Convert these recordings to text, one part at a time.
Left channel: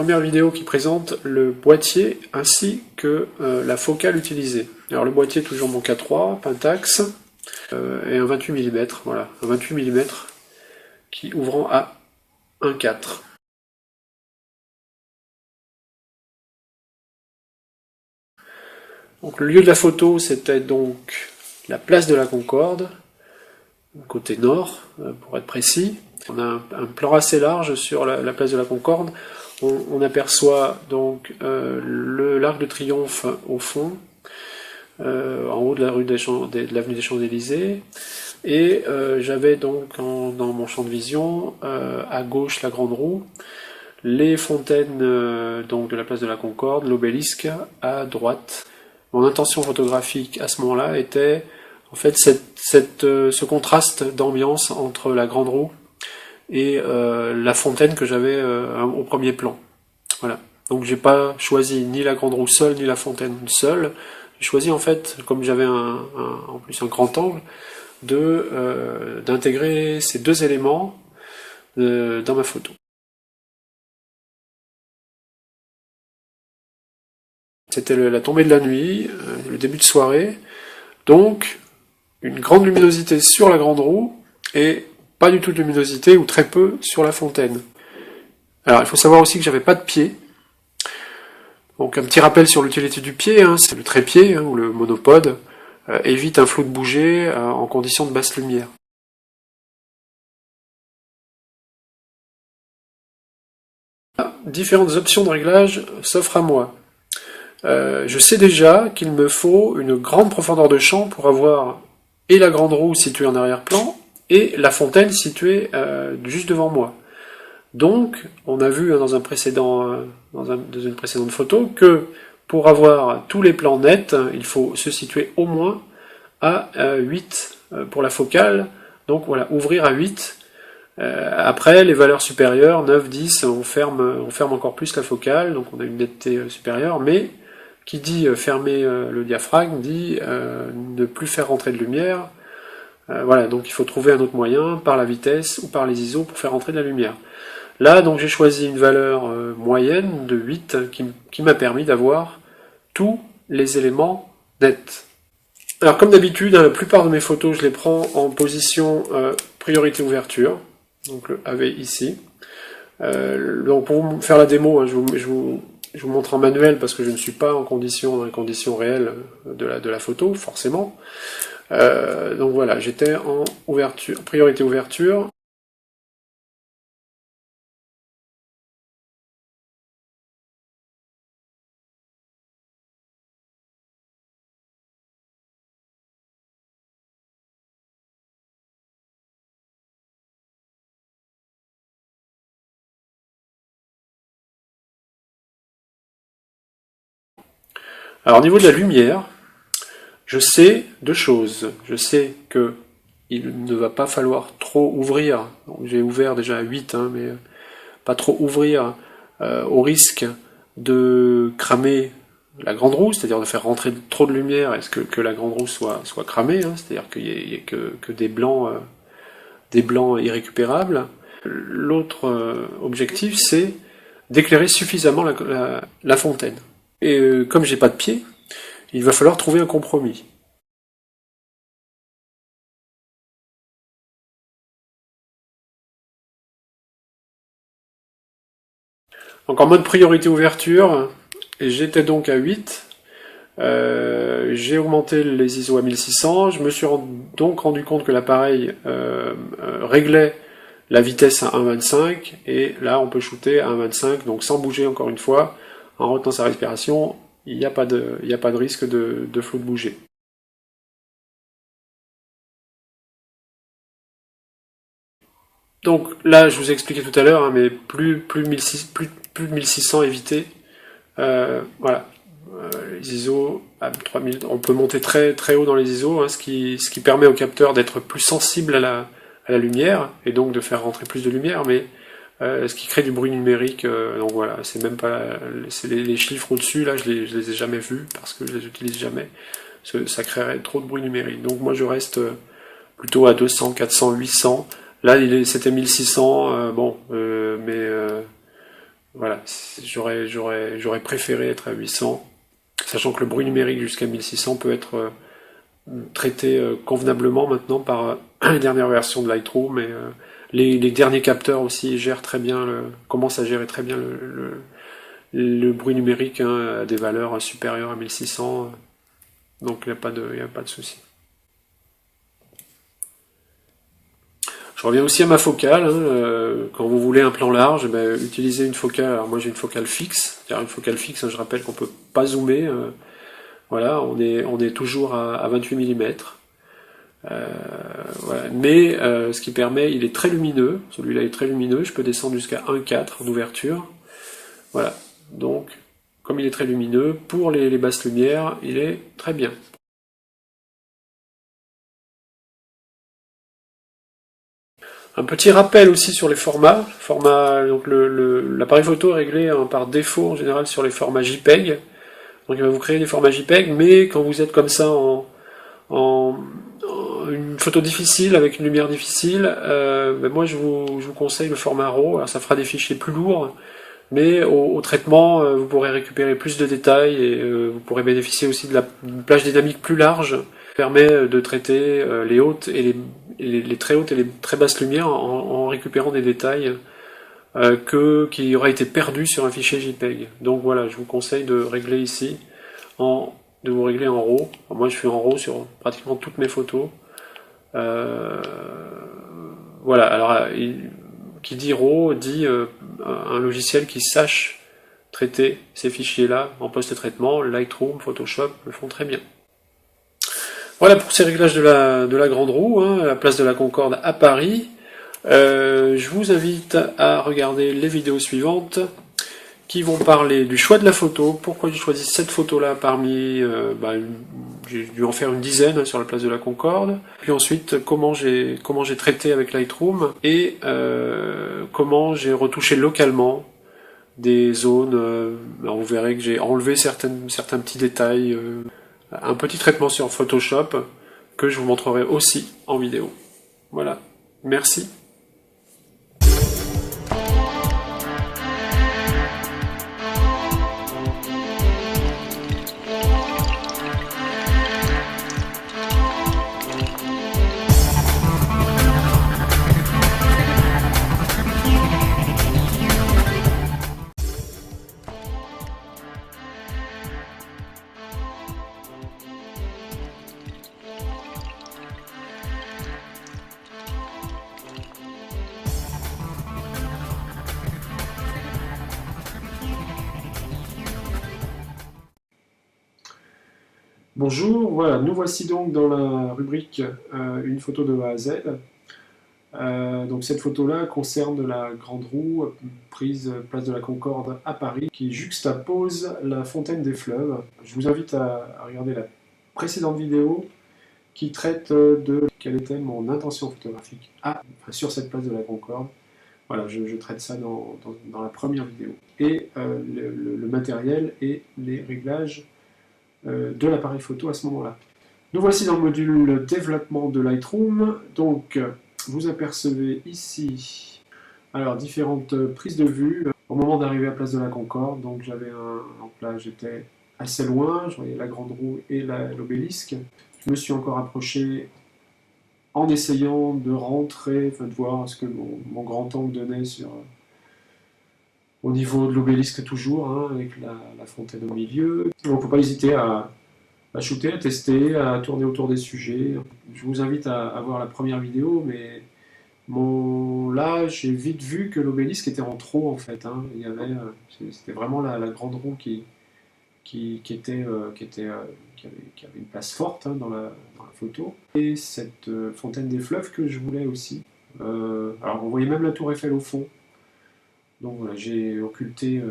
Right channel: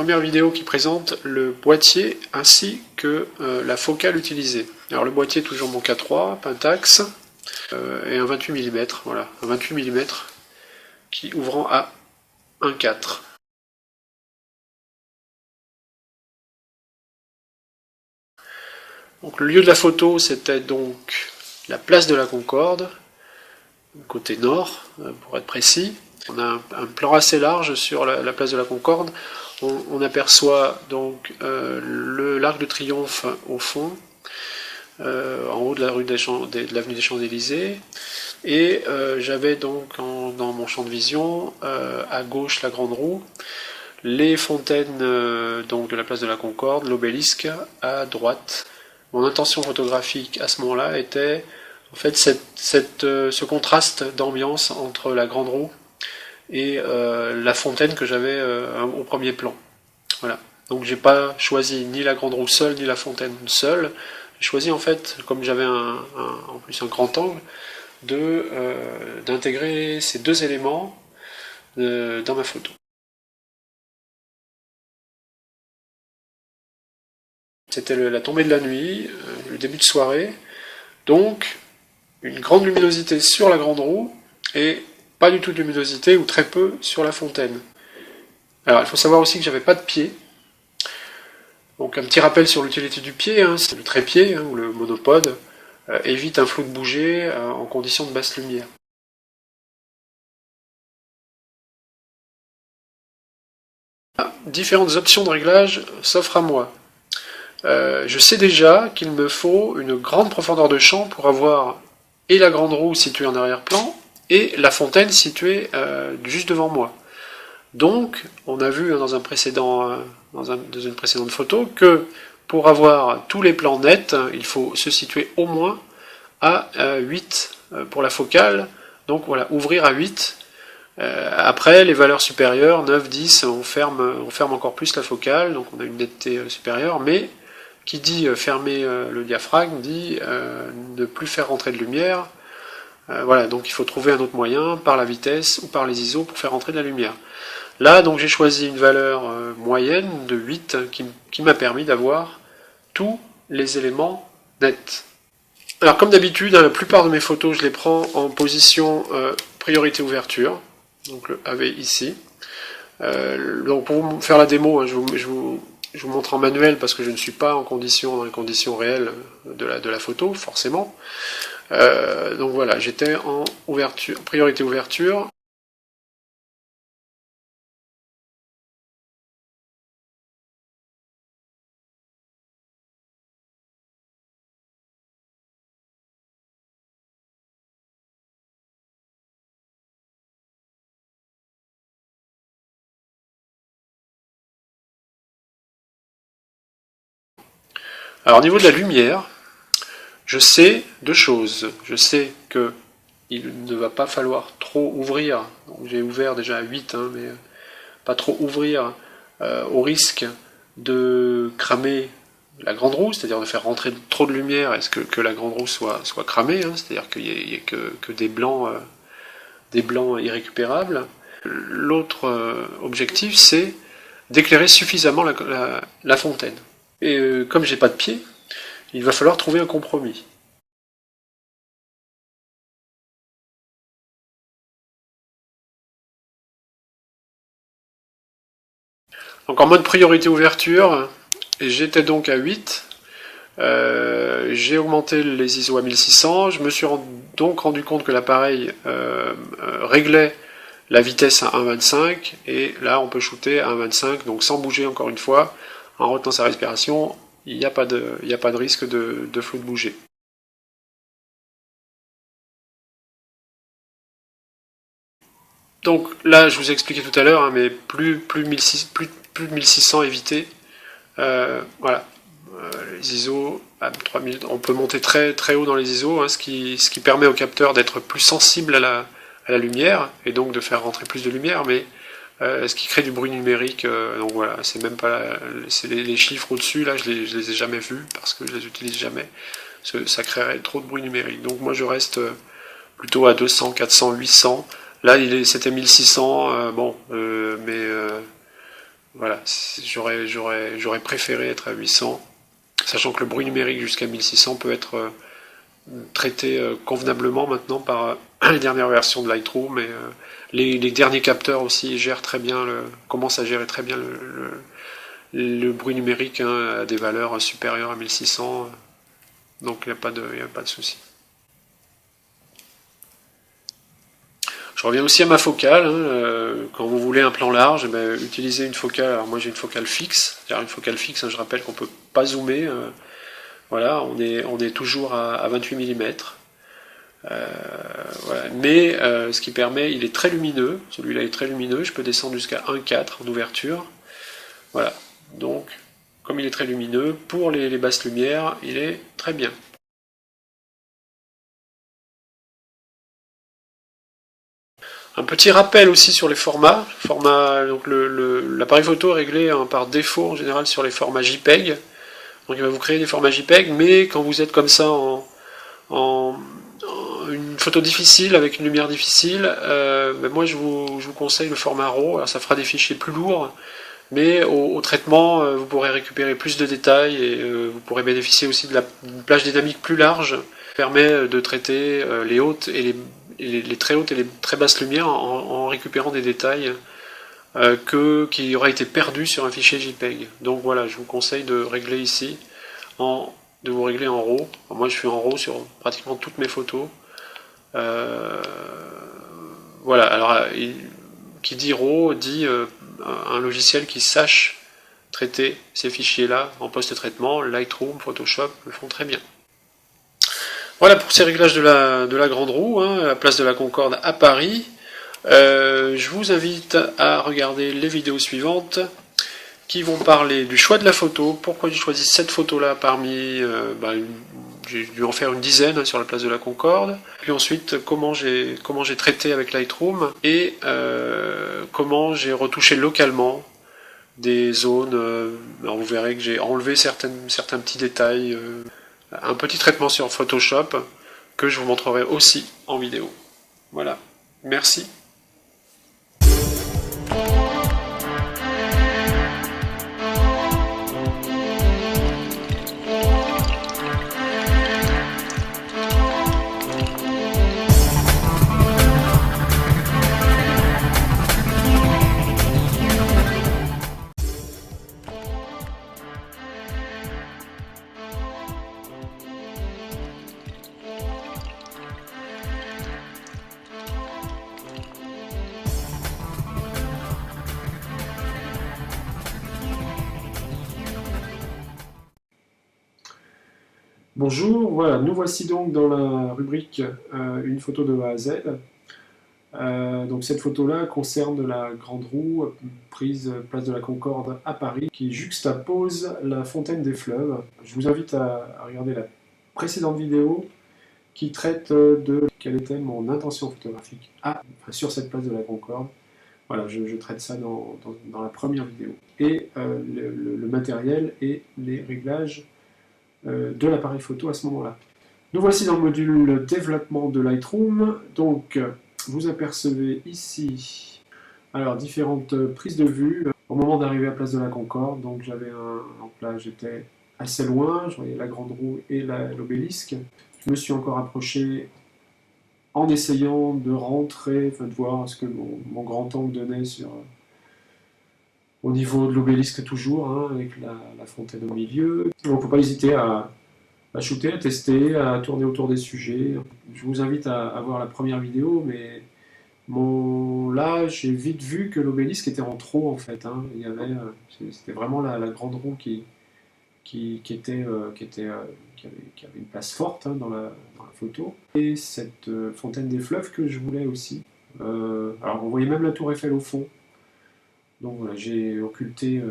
première vidéo qui présente le boîtier ainsi que la focale utilisée. Alors le boîtier toujours mon K3, Pentax, et un 28 mm, voilà, un 28 mm qui ouvrant à 1,4. Donc le lieu de la photo, c'était donc la place de la Concorde, côté nord, pour être précis. On a un plan assez large sur la place de la Concorde. On aperçoit donc l'Arc de Triomphe au fond, en haut de la rue de l'avenue des Champs-Élysées. Et j'avais donc dans mon champ de vision, à gauche la Grande Roue, les fontaines donc de la place de la Concorde, l'obélisque à droite. Mon intention photographique à ce moment-là était en fait ce contraste d'ambiance entre la Grande Roue et la fontaine que j'avais au premier plan. Voilà. Donc j'ai pas choisi ni la Grande Roue seule ni la fontaine seule. J'ai choisi en fait, comme j'avais en plus un grand angle, d'intégrer ces deux éléments dans ma photo. C'était la tombée de la nuit, le début de soirée, donc une grande luminosité sur la Grande Roue et pas du tout de luminosité ou très peu sur la fontaine. Alors il faut savoir aussi que j'avais pas de pied. Donc un petit rappel sur l'utilité du pied, hein, c'est le trépied ou le monopode évite un flou de bouger en conditions de basse lumière. Différentes options de réglage s'offrent à moi. Je sais déjà qu'il me faut une grande profondeur de champ pour avoir et la Grande Roue située en arrière-plan et la fontaine située juste devant moi. Donc, on a vu dans une précédente photo que pour avoir tous les plans nets, il faut se situer au moins à 8 pour la focale. Donc voilà, ouvrir à 8. Après, les valeurs supérieures, 9, 10, on ferme encore plus la focale, donc on a une netteté supérieure, mais qui dit fermer le diaphragme, dit ne plus faire rentrer de lumière. Voilà, donc il faut trouver un autre moyen, par la vitesse ou par les ISO, pour faire rentrer de la lumière. Là, donc j'ai choisi une valeur moyenne de 8 qui m'a permis d'avoir tous les éléments nets. Alors comme d'habitude, la plupart de mes photos, je les prends en position priorité ouverture, donc le AV ici. Donc pour vous faire la démo, hein, je vous montre en manuel parce que je ne suis pas dans les conditions réelles de la photo, forcément. Donc voilà, j'étais en priorité ouverture. Alors au niveau de la lumière, je sais deux choses. Je sais que il ne va pas falloir trop ouvrir. J'ai ouvert déjà à 8, hein, mais pas trop ouvrir au risque de cramer la Grande Roue, c'est-à-dire de faire rentrer trop de lumière et que la Grande Roue soit cramée, hein, c'est-à-dire qu'il n'y ait que des blancs irrécupérables. L'autre objectif, c'est d'éclairer suffisamment la fontaine. Et comme j'ai pas de pied, il va falloir trouver un compromis. Donc en mode priorité ouverture, j'étais donc à 8. J'ai augmenté les ISO à 1600. Je me suis donc rendu compte que l'appareil réglait la vitesse à 1,25 et là on peut shooter à 1,25, donc sans bouger encore une fois, en retenant sa respiration, il n'y a pas de risque de flou de bouger. Donc là, je vous ai expliqué tout à l'heure, hein, mais plus de 1600 évité. Voilà, les ISO à 3000, on peut monter très très haut dans les ISO, hein, ce qui permet au capteur d'être plus sensible à la lumière et donc de faire rentrer plus de lumière, mais ce qui crée du bruit numérique. Donc voilà, c'est même pas les chiffres au-dessus là, je les ai jamais vus parce que je les utilise jamais. Ça créerait trop de bruit numérique. Donc moi je reste plutôt à 200, 400, 800. Là c'était 1600, bon, mais Voilà, j'aurais préféré être à 800, sachant que le bruit numérique jusqu'à 1600 peut être traité convenablement maintenant par les dernières versions de Lightroom, et les derniers capteurs aussi gèrent très bien commencent à gérer très bien le bruit numérique, hein, à des valeurs supérieures à 1600, donc il n'y a pas de souci. Je reviens aussi à ma focale, hein, quand vous voulez un plan large, eh ben, utilisez une focale. Alors moi j'ai une focale fixe, c'est-à-dire une focale fixe, hein, je rappelle qu'on ne peut pas zoomer. Voilà, on est toujours à 28 mm. Voilà. Mais ce qui permet, il est très lumineux, celui-là est très lumineux, je peux descendre jusqu'à 1,4 d'ouverture. Voilà, donc comme il est très lumineux, pour les basses lumières, il est très bien. Un petit rappel aussi sur les formats. Donc l'appareil photo est réglé, hein, par défaut en général sur les formats JPEG. Donc il va vous créer des formats JPEG, mais quand vous êtes comme ça en une photo difficile avec une lumière difficile, ben moi je vous conseille le format RAW. Alors ça fera des fichiers plus lourds, mais au traitement, vous pourrez récupérer plus de détails, et vous pourrez bénéficier aussi de la plage dynamique plus large, qui permet de traiter les hautes et les très hautes et les très basses lumières en récupérant des détails qui auraient été perdus sur un fichier JPEG. Donc voilà, je vous conseille de régler ici, de vous régler en RAW. Moi je suis en RAW sur pratiquement toutes mes photos. Euh, voilà, alors qui dit RAW dit un logiciel qui sache traiter ces fichiers-là en post-traitement. Lightroom, Photoshop le font très bien. Voilà pour ces réglages de la grande roue, hein, à la place de la Concorde à Paris. Je vous invite à regarder les vidéos suivantes qui vont parler du choix de la photo, pourquoi j'ai choisi cette photo-là parmi... j'ai dû en faire une dizaine, hein, sur la place de la Concorde. Puis ensuite, comment j'ai traité avec Lightroom, et comment j'ai retouché localement des zones. Alors vous verrez que j'ai enlevé certains petits détails. Un petit traitement sur Photoshop que je vous montrerai aussi en vidéo. Voilà. Merci. Bonjour, voilà, nous voici donc dans la rubrique une photo de A à Z. Donc cette photo-là concerne la grande roue prise place de la Concorde à Paris, qui juxtapose la fontaine des fleuves. Je vous invite à regarder la précédente vidéo qui traite de quelle était mon intention photographique sur cette place de la Concorde. Voilà, je traite ça dans la première vidéo. Et le matériel et les réglages de l'appareil photo à ce moment-là. Nous voici dans le module développement de Lightroom. Donc, vous apercevez ici alors différentes prises de vue au moment d'arriver à Place de la Concorde. Donc, donc là, j'étais assez loin, je voyais la grande roue et l'obélisque. Je me suis encore approché en essayant de rentrer, enfin de voir ce que mon grand angle donnait au niveau de l'obélisque toujours, hein, avec la fontaine au milieu. Donc, il ne faut pas hésiter à shooter, à tester, à tourner autour des sujets. Je vous invite à voir la première vidéo, mais là, j'ai vite vu que l'obélisque était en trop, en fait. Hein. C'était vraiment la grande roue qui avait une place forte, hein, dans la photo. Et cette fontaine des fleuves que je voulais aussi. Alors, on voyait même la tour Eiffel au fond. Donc voilà, j'ai occulté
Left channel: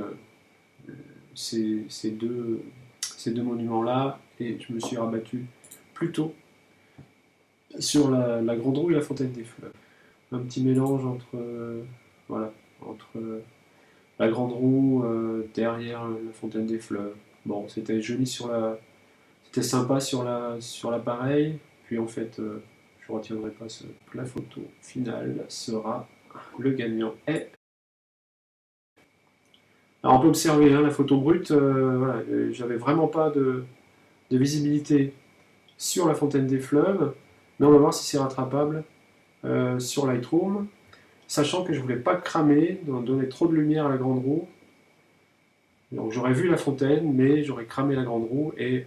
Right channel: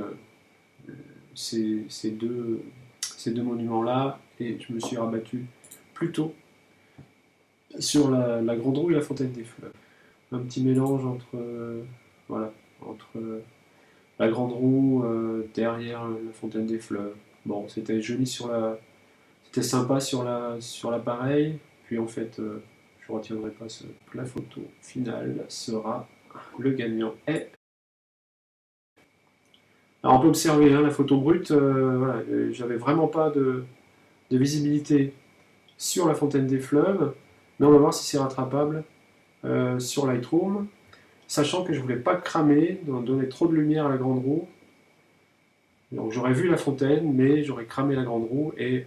ces deux monuments-là, et je me suis rabattu plutôt sur la grande roue et la fontaine des fleuves. Un petit mélange voilà, entre la grande roue derrière la fontaine des fleuves. Bon, c'était joli c'était sympa sur l'appareil, puis en fait, je retiendrai pas la photo finale sera le gagnant est Alors on peut observer hein, la photo brute, voilà, j'avais vraiment pas de visibilité sur la fontaine des fleuves, mais on va voir si c'est rattrapable sur Lightroom, sachant que je voulais pas cramer, donc donner trop de lumière à la grande roue. Donc j'aurais vu la fontaine, mais j'aurais cramé la grande roue, et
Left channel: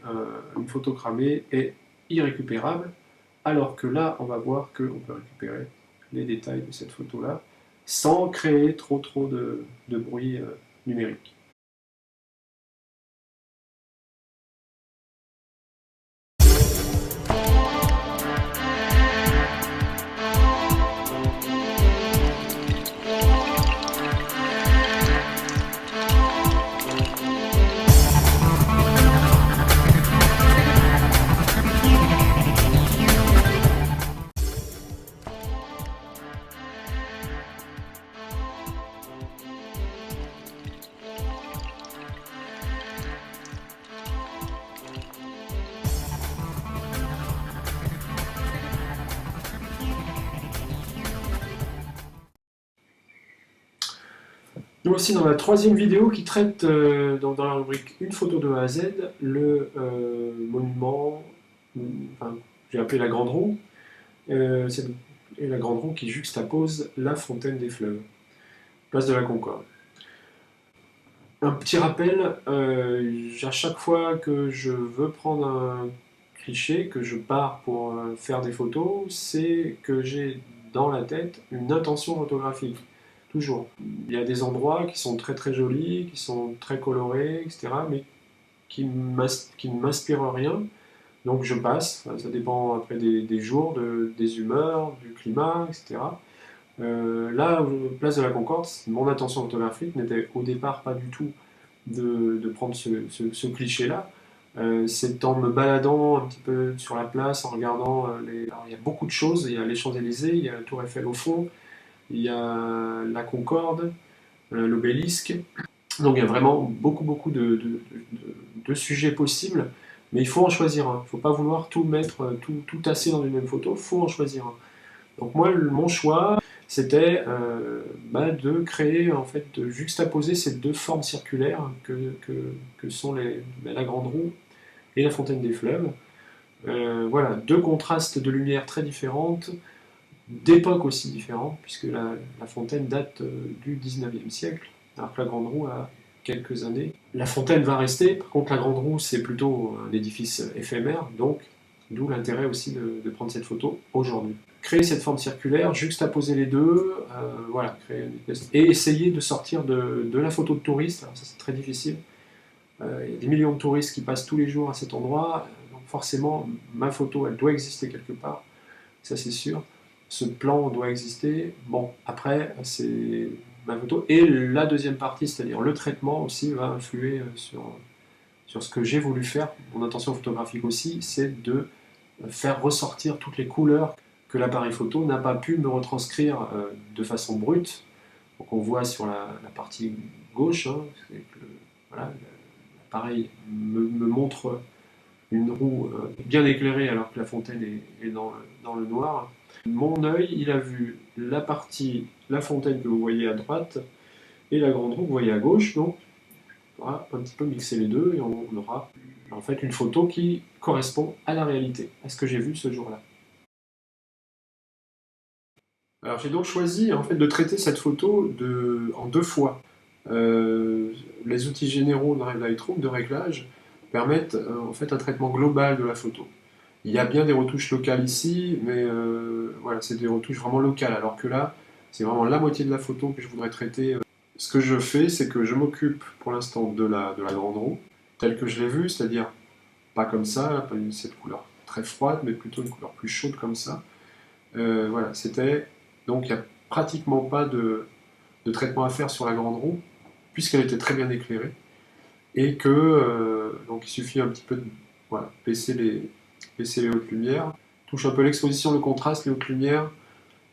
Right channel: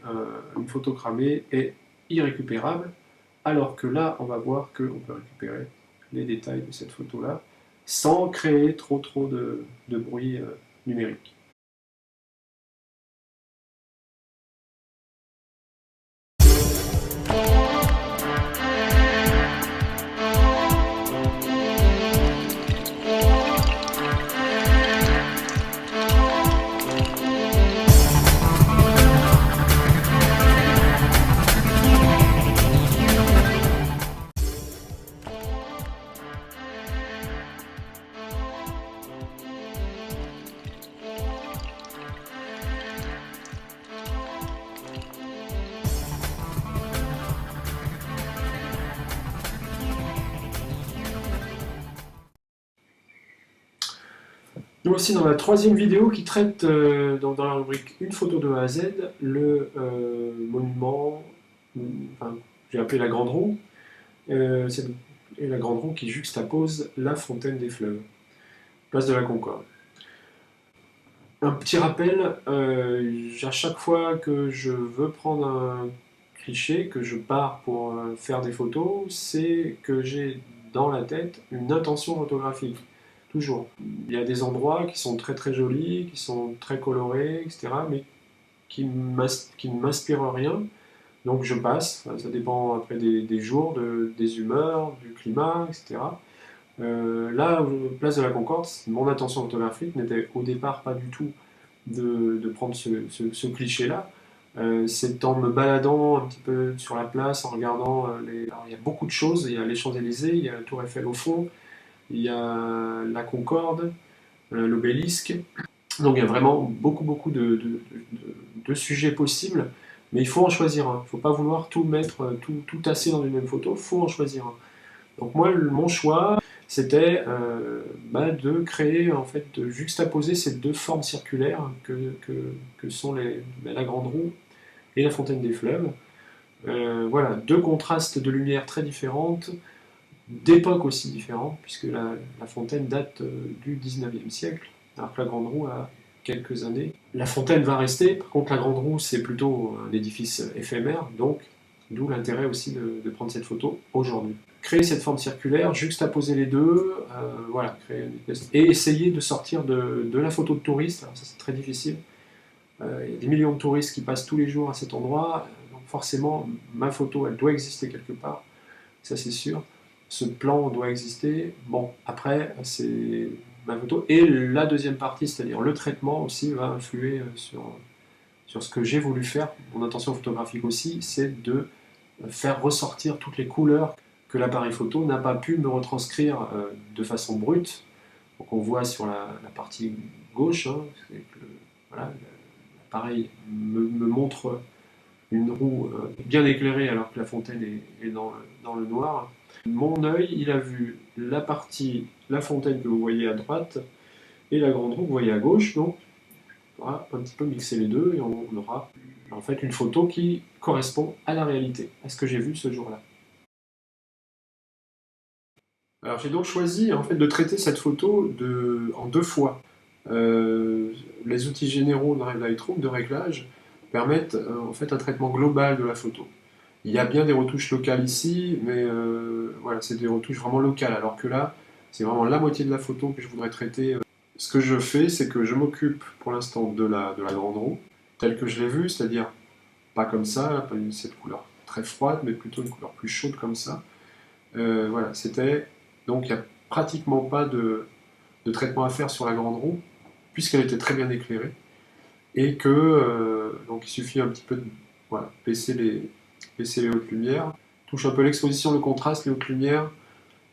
une photo cramée est irrécupérable, alors que là, on va voir qu'on peut récupérer les détails de cette photo-là, sans créer trop de bruit numérique. Nous aussi dans la troisième vidéo qui traite dans la rubrique Une photo de A à Z, le monument, enfin, j'ai appelé la Grande Roue, et la Grande Roue qui juxtapose la fontaine des fleuves, place de la Concorde. Un petit rappel, à chaque fois que je veux prendre un cliché, que je pars pour faire des photos, c'est que j'ai dans la tête une intention photographique. Toujours. Il y a des endroits qui sont très très jolis, qui sont très colorés, etc., mais qui ne m'inspirent rien. Donc je passe, ça dépend après des jours, des humeurs, du climat, etc. Là, place de la Concorde, mon intention photographique n'était au départ pas du tout de prendre ce cliché-là. C'est en me baladant un petit peu sur la place, en regardant Alors, il y a beaucoup de choses, il y a les Champs-Élysées, il y a la Tour Eiffel au fond, il y a la Concorde, l'obélisque. Donc il y a vraiment beaucoup de sujets possibles, mais il faut en choisir un. Il ne faut pas vouloir tout mettre, tout tasser dans une même photo, il faut en choisir un. Donc moi, mon choix, c'était de créer, en fait, de juxtaposer ces deux formes circulaires que sont la Grande Roue et la Fontaine des Fleuves. Voilà, deux contrastes de lumière très différentes, d'époques aussi différentes, puisque la fontaine date du 19e siècle, alors que la Grande Roue a quelques années. La fontaine va rester, par contre la Grande Roue c'est plutôt un édifice éphémère, donc d'où l'intérêt aussi de prendre cette photo aujourd'hui. Créer cette forme circulaire, juxtaposer les deux, voilà, créer et essayer de sortir de la photo de touriste, alors ça c'est très difficile. Il y a des millions de touristes qui passent tous les jours à cet endroit, donc forcément ma photo elle doit exister quelque part, ça c'est sûr. Ce plan doit exister. Bon, après, c'est ma photo. Et la deuxième partie, c'est-à-dire le traitement aussi, va influer sur ce que j'ai voulu faire. Mon intention photographique aussi, c'est de faire ressortir toutes les couleurs que l'appareil photo n'a pas pu me retranscrire de façon brute. Donc on voit sur la partie gauche, hein, voilà, l'appareil me montre une roue bien éclairée alors que la fontaine est dans le noir. Mon œil, il a vu la fontaine que vous voyez à droite et la grande roue que vous voyez à gauche, donc on va un petit peu mixer les deux et on aura en fait une photo qui correspond à la réalité, à ce que j'ai vu ce jour-là. Alors j'ai donc choisi en fait de traiter cette photo en deux fois. Les outils généraux de Lightroom de réglage permettent en fait un traitement global de la photo. Il y a bien des retouches locales ici, mais voilà, c'est des retouches vraiment locales, alors que là, c'est vraiment la moitié de la photo que je voudrais traiter. Ce que je fais, c'est que je m'occupe pour l'instant de la grande roue, telle que je l'ai vue, c'est-à-dire pas comme ça, pas cette couleur très froide, mais plutôt une couleur plus chaude comme ça. Voilà, c'était... Donc il n'y a pratiquement pas de traitement à faire sur la grande roue, puisqu'elle était très bien éclairée, et que donc il suffit un petit peu de voilà, baisser les hautes lumières, touche un peu l'exposition, le contraste, les hautes lumières,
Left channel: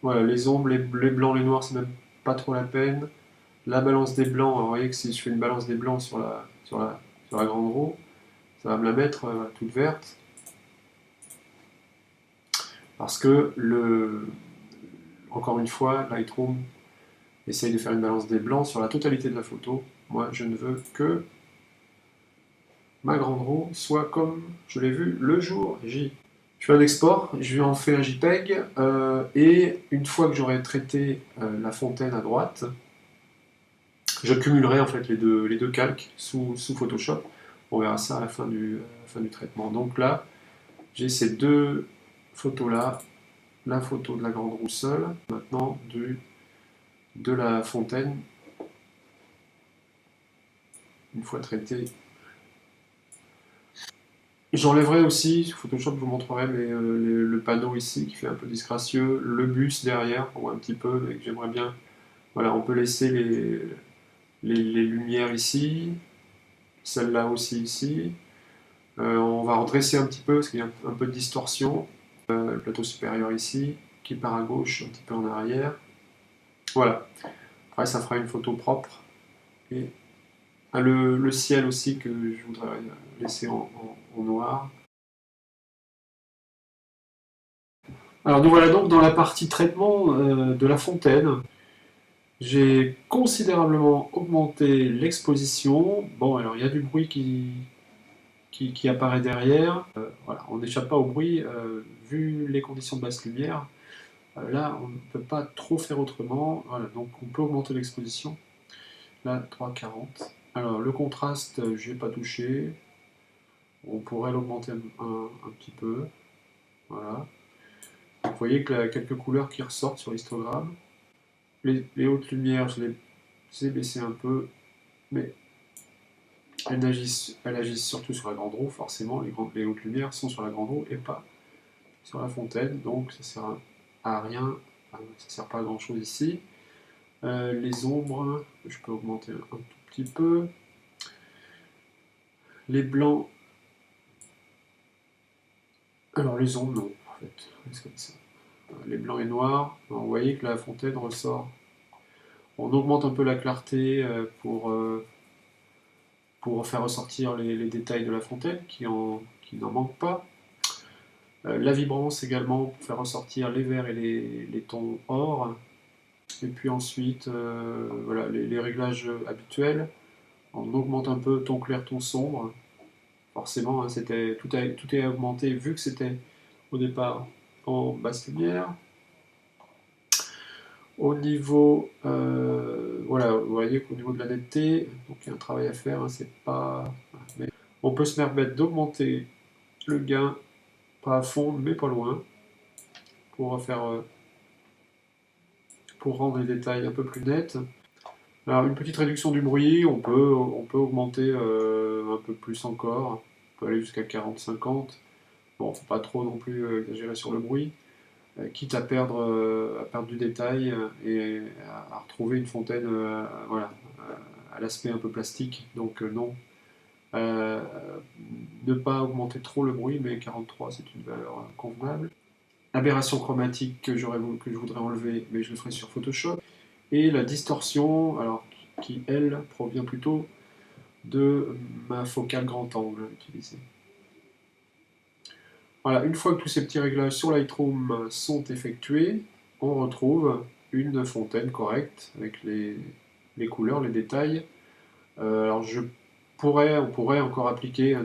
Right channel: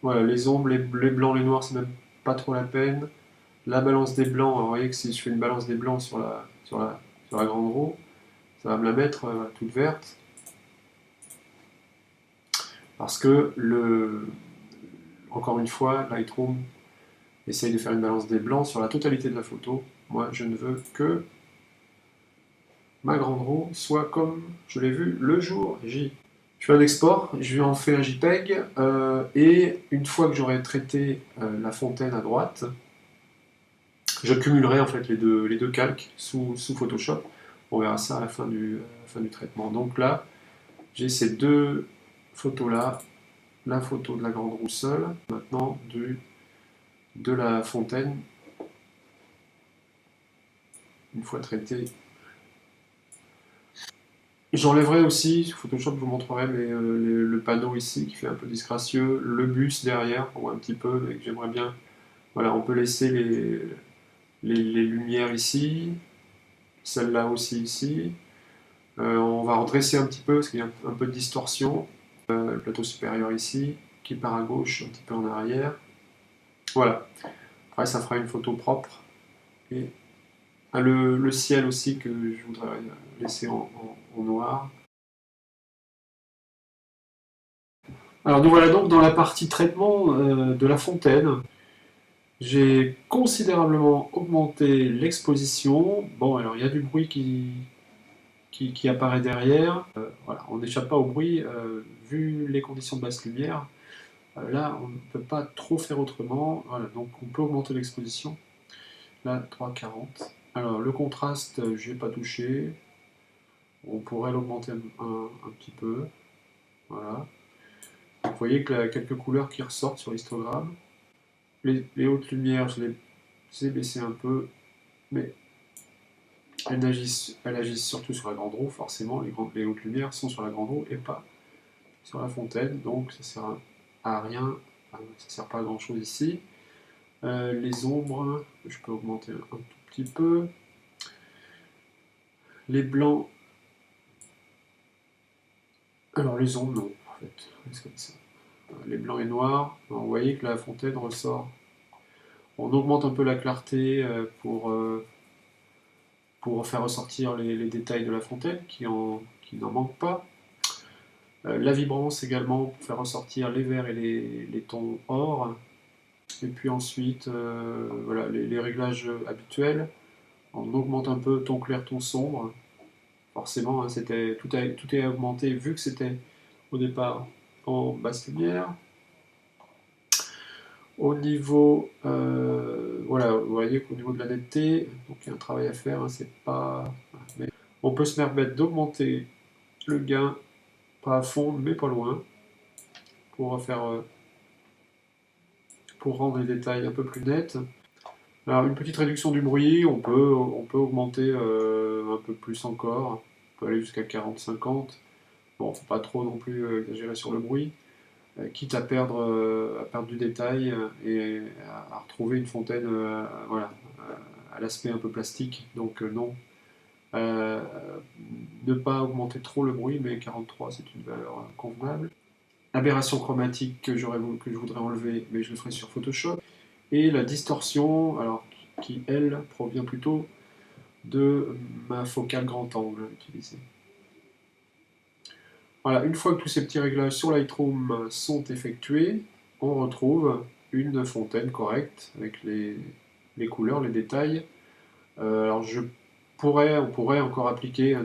voilà, les ombres, les blancs, les noirs, c'est même pas trop la peine. La balance des blancs, alors vous voyez que si je fais une balance des blancs sur la grande roue, ça va me la mettre toute verte, parce que encore une fois, Lightroom essaye de faire une balance des blancs sur la totalité de la photo. Moi, je ne veux que ma grande roue soit comme je l'ai vu le jour J. Je fais un export, je lui en fais un JPEG, et une fois que j'aurai traité la fontaine à droite, je cumulerai en fait les deux calques sous Photoshop. On verra ça à la fin du traitement. Donc là, j'ai ces deux photos-là, la photo de la grande roue seule, maintenant de la fontaine, une fois traité. J'enlèverai aussi, sur Photoshop je vous montrerai, mais le panneau ici qui fait un peu disgracieux, le bus derrière, on voit un petit peu, mais que j'aimerais bien. Voilà, on peut laisser les lumières ici, celle-là aussi ici. On va redresser un petit peu parce qu'il y a un peu de distorsion. Le plateau supérieur ici, qui part à gauche, un petit peu en arrière. Voilà. Après, ça fera une photo propre. Et le ciel aussi que je voudrais laisser en noir. Alors nous voilà donc dans la partie traitement de la fontaine. J'ai considérablement augmenté l'exposition. Bon, alors il y a du bruit qui apparaît derrière. Voilà, on n'échappe pas au bruit. Vu les conditions de basse lumière, là on ne peut pas trop faire autrement. Voilà, donc on peut augmenter l'exposition. Là, 3,40. Alors le contraste, je n'ai pas touché. On pourrait l'augmenter un petit peu. Voilà. Vous voyez qu'il y a quelques couleurs qui ressortent sur l'histogramme. Les hautes lumières, je les ai baissées un peu, mais elles agissent surtout sur la grande roue, forcément. Les hautes lumières sont sur la grande roue et pas sur la fontaine, donc ça sert à rien, ça sert pas à grand chose ici. Les ombres, je peux augmenter un tout petit peu. Les blancs, alors les ombres, non, en fait, c'est comme ça. Les blancs et noirs, alors, vous voyez que la fontaine ressort. On augmente un peu la clarté pour faire ressortir les détails de la fontaine qui n'en manquent pas. La vibrance également pour faire ressortir les verts et les tons or. Et puis ensuite, voilà, les réglages habituels. On augmente un peu ton clair, ton sombre. Forcément, hein, tout est augmenté vu que c'était au départ en basse lumière. Au niveau, voilà, vous voyez qu'au niveau de la netteté, donc il y a un travail à faire, hein, c'est pas... Mais on peut se permettre d'augmenter le gain, pas à fond, mais pas loin, pour pour rendre les détails un peu plus nets. Alors une petite réduction du bruit, on peut augmenter un peu plus encore, on peut aller jusqu'à 40-50. Bon, faut pas trop non plus exagérer sur le bruit, quitte à perdre du détail et à retrouver une fontaine voilà, à l'aspect un peu plastique. Donc non, ne pas augmenter trop le bruit, mais 43 c'est une valeur convenable. Aberration chromatique que je voudrais enlever, mais je le ferai sur Photoshop. Et la distorsion, alors qui elle provient plutôt de ma focale grand angle utilisée. Voilà, une fois que tous ces petits réglages sur Lightroom sont effectués, on retrouve une fontaine correcte avec les couleurs, les détails. Alors on pourrait encore appliquer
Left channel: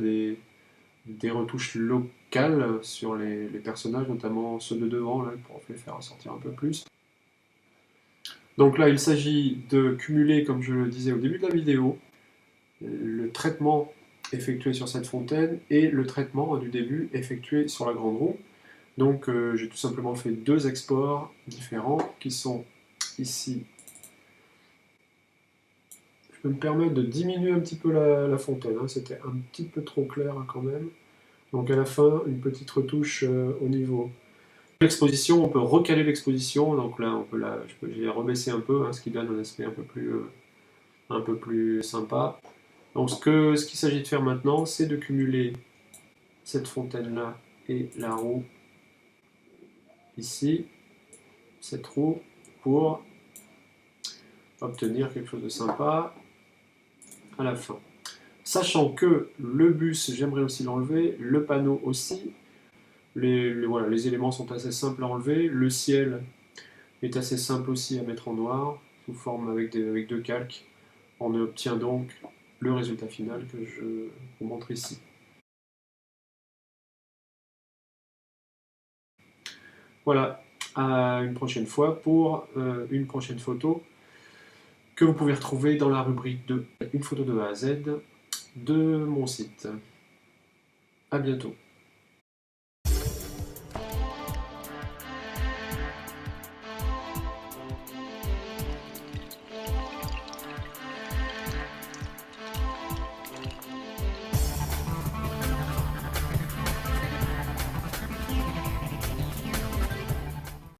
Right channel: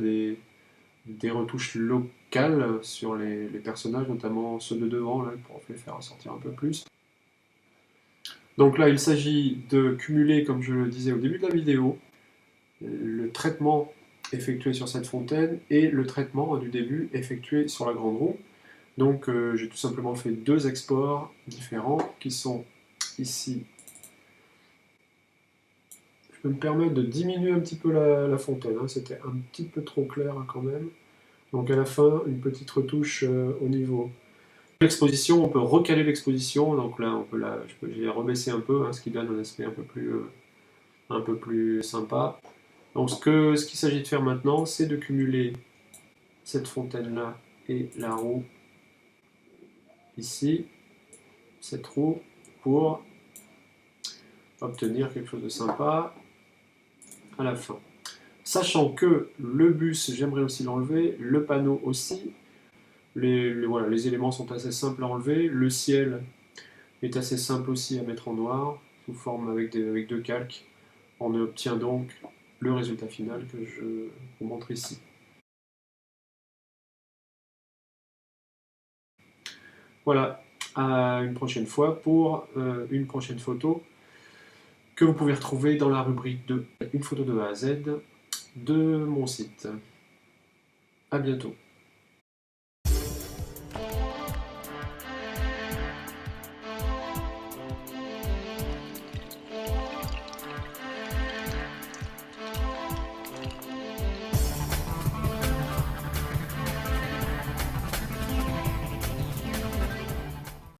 des retouches locales sur les personnages, notamment ceux de devant, là, pour les faire ressortir un peu plus. Donc là, il s'agit de cumuler, comme je le disais au début de la vidéo, le traitement effectué sur cette fontaine et le traitement du début effectué sur la grande roue. Donc j'ai tout simplement fait deux exports différents qui sont ici. Je peux me permettre de diminuer un petit peu la fontaine, hein. C'était un petit peu trop clair hein, quand même. Donc à la fin, une petite retouche au niveau. L'exposition, on peut recaler l'exposition, donc là je vais rebaisser un peu, hein, ce qui donne un aspect un peu plus sympa. Donc ce qu'il s'agit de faire maintenant, c'est de cumuler cette fontaine-là et la roue ici, cette roue, pour obtenir quelque chose de sympa à la fin. Sachant que le bus, j'aimerais aussi l'enlever, le panneau aussi. Voilà, les éléments sont assez simples à enlever, le ciel est assez simple aussi à mettre en noir. sous forme avec deux calques. On obtient donc le résultat final que je vous montre ici. Voilà, à une prochaine fois pour une prochaine photo que vous pouvez retrouver dans la rubrique de Une photo de A à Z de mon site. À bientôt.